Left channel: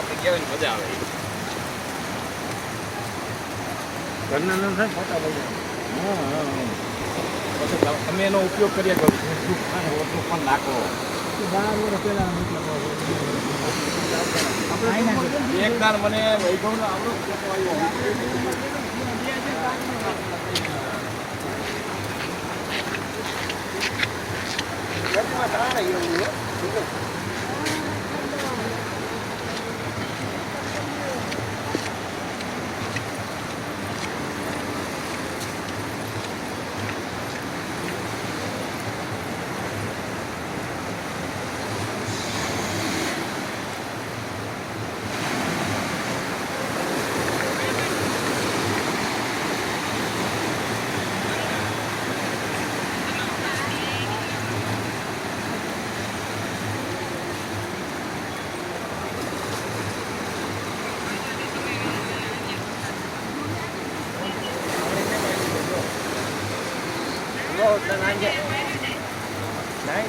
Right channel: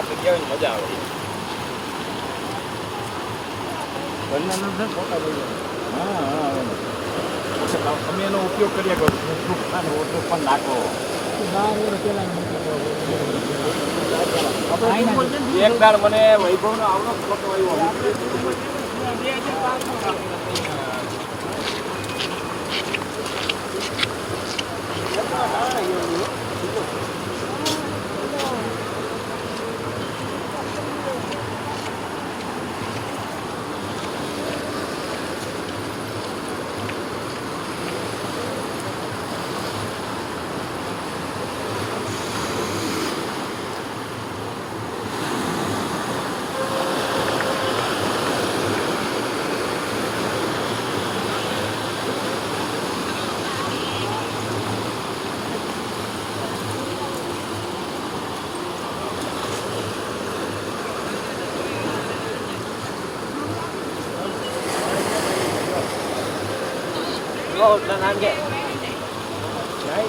આપણે ગયા હોય ને મજા આવે. ઘરના ના થાય ફોટા લઈ જાય. તમે એનો ઉપયોગ કરીએ કરો ફેસબુક ઓછું પણ નાખો. એક દાડ મને વૈભવનો આવડો ફોટો આવ્યો. Rồi, lên anh vậy. Đấy,